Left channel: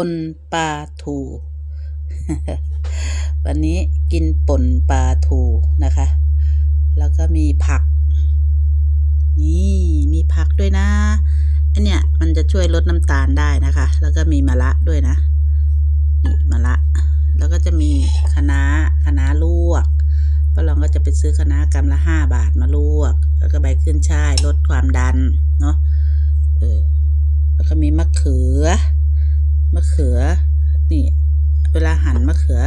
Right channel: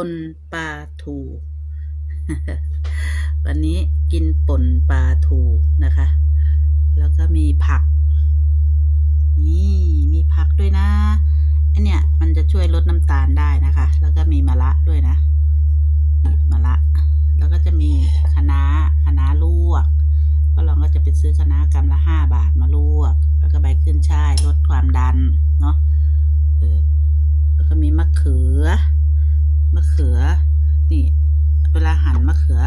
ป่นปลาทูวันนี้กินป่นปลาทูนะคะ แล้วก็มีผัก นี่มีผักด้วยนะอันเนี้ยมันจะช่วยลดน้ำตาลได้นะคะ แล้วก็มีมะระด้วยนะนี่มะระแล้วก็จะมีคะน้าคะน้าลวกป้าลองก็จะไปซื้อคะน้ากำละห้าบาทมาลวก แล้วก็ใบขึ้นช่ายลดความดันเนาะเออแล้วก็มีมะเขือ ขือ นี่ เวลาหั่นมะเขือ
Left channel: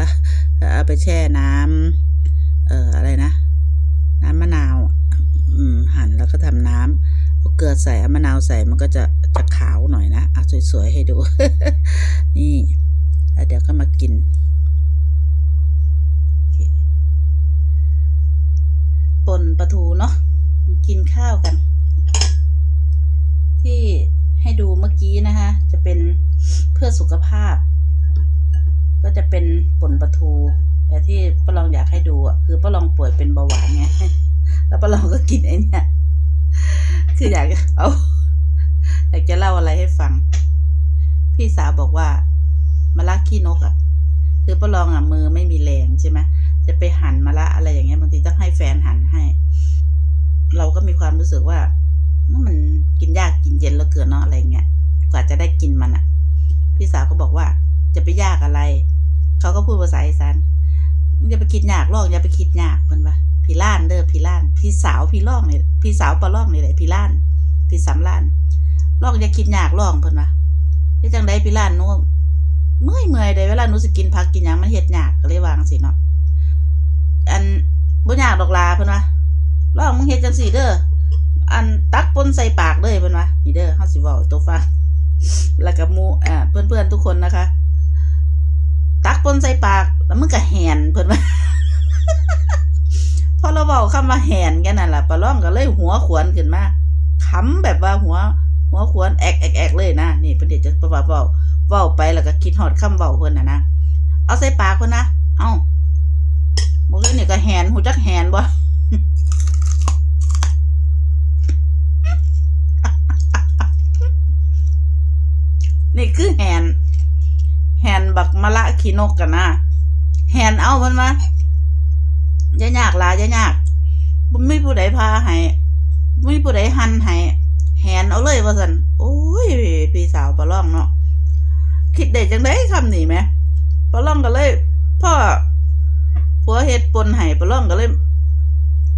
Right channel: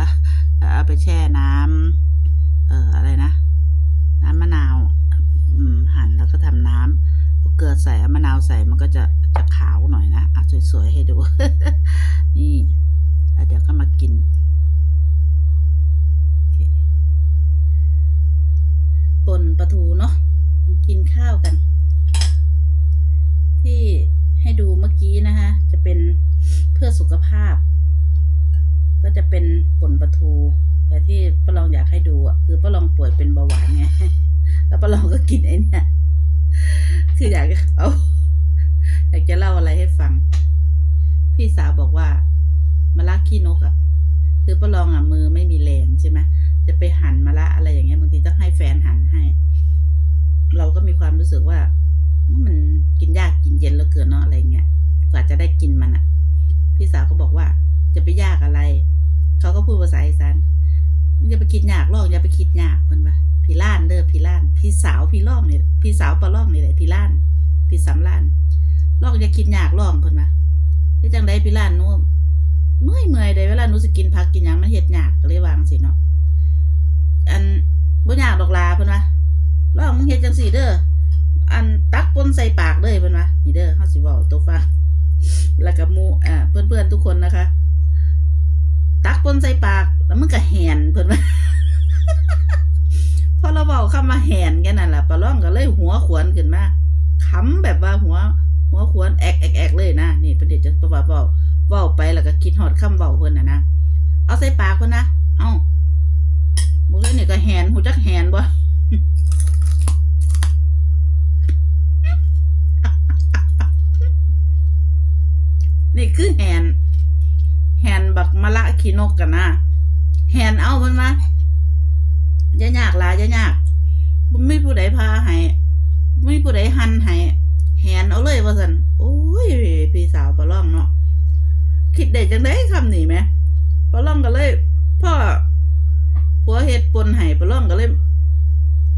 เอาไปแช่น้ำเอ่ออะไรนะ น้ำมะนาวอืมหั่นแล้วก็ทำน้ำเอาเกลือใส่มะนาวใส่มันก็จะจะขาวหน่อยนะเอาสวยๆให้ดู นี่เดี๋ยวก็มากินปนปลาทูเนาะกินข้าวกัน ที่ ดูเมื่อกี้นะคะ จะเป็นเพื่อสุขภาพ ก็จะเป็นป่นปลาทู แต่ที่ป้าลองอยากให้ดูอะคือป้าลองป่วยเป็นเบาหวานไง แล้วป้าลองก็กินไอ้เนี่ยคืออยากเอาอยากจะเล่าอะไรให้ฟัง พี่สาวบอกว่ามาละขี้นกอะ คือป้าลองอะมือไม่มีแรงใช่ไหมจะไปหั่นมะละอะไรอย่างเงี้ยบางทีต้องให้แฟนหั่นให้ เราก็มีความรู้สึกว่า มันกินยากกินเย็นแล้วเกินเนาะอะไรเงี้ย กว่าจะได้กินมันอะ่ะพี่สาวก็บอกว่าจะไปยากอะไร เขาก็พูดภาษาอีสานอย่าไปคิดยากหรอกอย่าไปคิดยากเพิ่นว่าพี่ล้านเด้อพี่ล้าน พี่สาวพี่ล่องนี่พี่สาวปลาล่องนี่แหละพี่ล้าน พี่สำล้านล่องอย่าคิดยากล่องเพิ่นว่าเฮ็ดจังไดพี่ล้านหนูเมื่อยเมื่อยเด้เวลาหนูสิกินผักกินหยังมันเฮ็ดยากก็เลยวางสิเนาะอันบ่ยากดอกลาเพิ่นว่าลองมึงเฮ็ดจังซี่เด้อ อันตักปนใส่ปากเลยเพิ่นว่านี่เด้อเฮาสิเว้าตัวฟังแล้วกับมูอ่าเพื่อนๆทุกคนนะคะ ตักปนใส่ปากแล้วมึงก็แหนเพิ่อนว่าพอเราเว้าคำว่าแหนกันนั่นล่ะปลาล่องก็เลยหัวขวนขึ้นมาขำแบบว่าหัว หัวขวนแอกแอกแอกเลยนะนี่เพิ่นเดี๋ยวจะประว่าเว้าเว้าไปแล้วก็คิดฮอดคำเว้าเพิ่นน่ะนะเอาใส่ปากเพิ่นนะ เอ้าบ่คือนี่ก็แหนหูจักแหนบ่ นี่ คือแฮนแฮนบักมะละขีนกกันนะแฮนเอามันมาอย่ายากหลายอย่ายากบ่มีผู้ใดพาให้บ่มีผู้ใดหันให้แฮนเอาเลยว่าซั่นโอ้ยพี่สาวปลาล่องเนาะคิดได้จังได๋คำนี้แหมปลาล่องก็เลยพ่อผัวเฮ็ดปนให้ปลาล่องก็เลย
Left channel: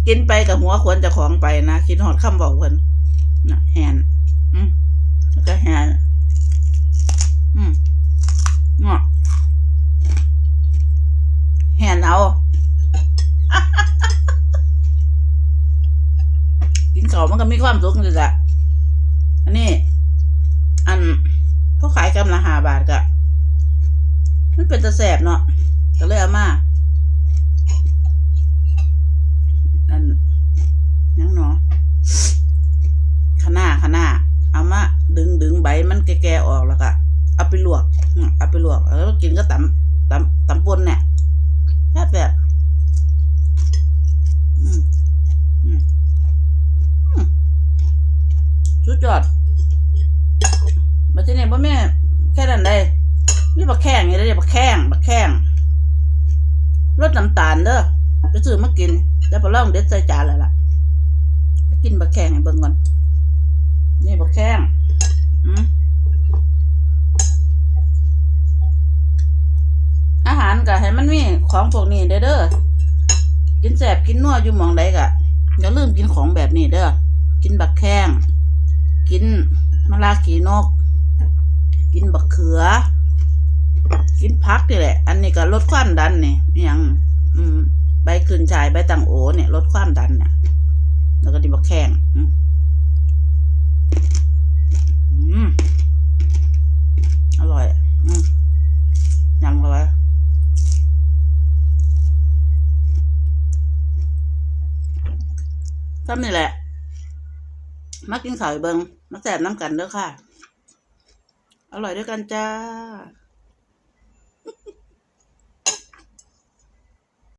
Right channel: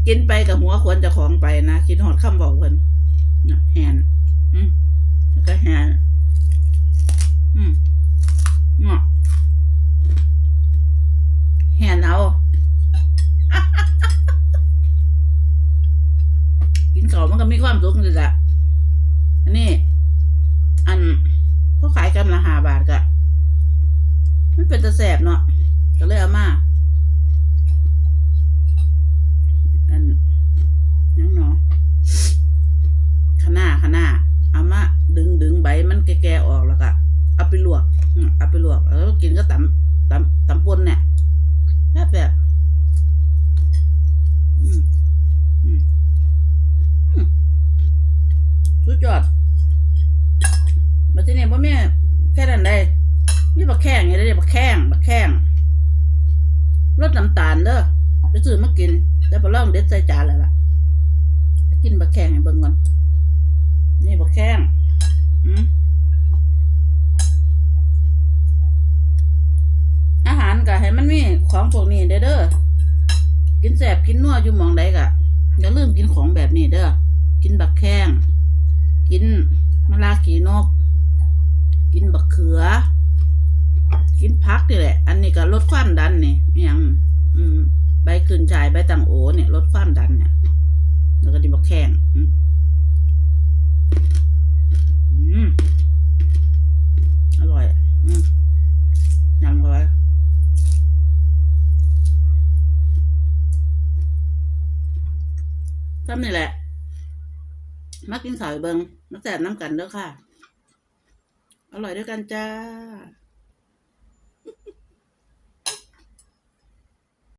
กินไปกับหัวขวนเจ้าของไปนะคิดฮอดคำเว้าเพิ่นนะแฮนอืมก็แฮน อืมเนาะแหนเอา กินเขามันก็มีความสุขนี่แหละอันนี้ อันเขาขายกำละหาบาทกะมันเป็นตะแสบเนาะก็เลยเอามา เอาไปลวกแล้วกินก็ตำตำตำปนเนี่ยแซ่บแบบอืมอืมอืมสุดยอดมาที่นี่พ่แม่แค่นั้นได้นี่บักแข้งอย่างนี้บักแข้งบักแข้งรสน้ำตาลเด้อไปซื้อมากิน แล้วพอเล่าเด็ดใส่จานเลยล่ะกินบักแข้งให้เบิ่งก่อน ของพวกนี้เด้อเด้อกินแสบกินนัวอยู่หมองใดกะอย่าลืมกินของแบบนี้เด้อกินบักแข้งกินมะลาขีนก กินบักเขือ กินพักนี่แหละ อันนี้ก็ลดความดันนี่อหยังอืมใบคืนชายใบตังโอเนี่ยลดความดันเนี่ย แล้วก็ดิบักแข้งอืม ซ้ำนี่แหละ มากินข่าวเบิงมาแสบน้ำกันเด้อค่ะ อร่อยด้วยกันจ้า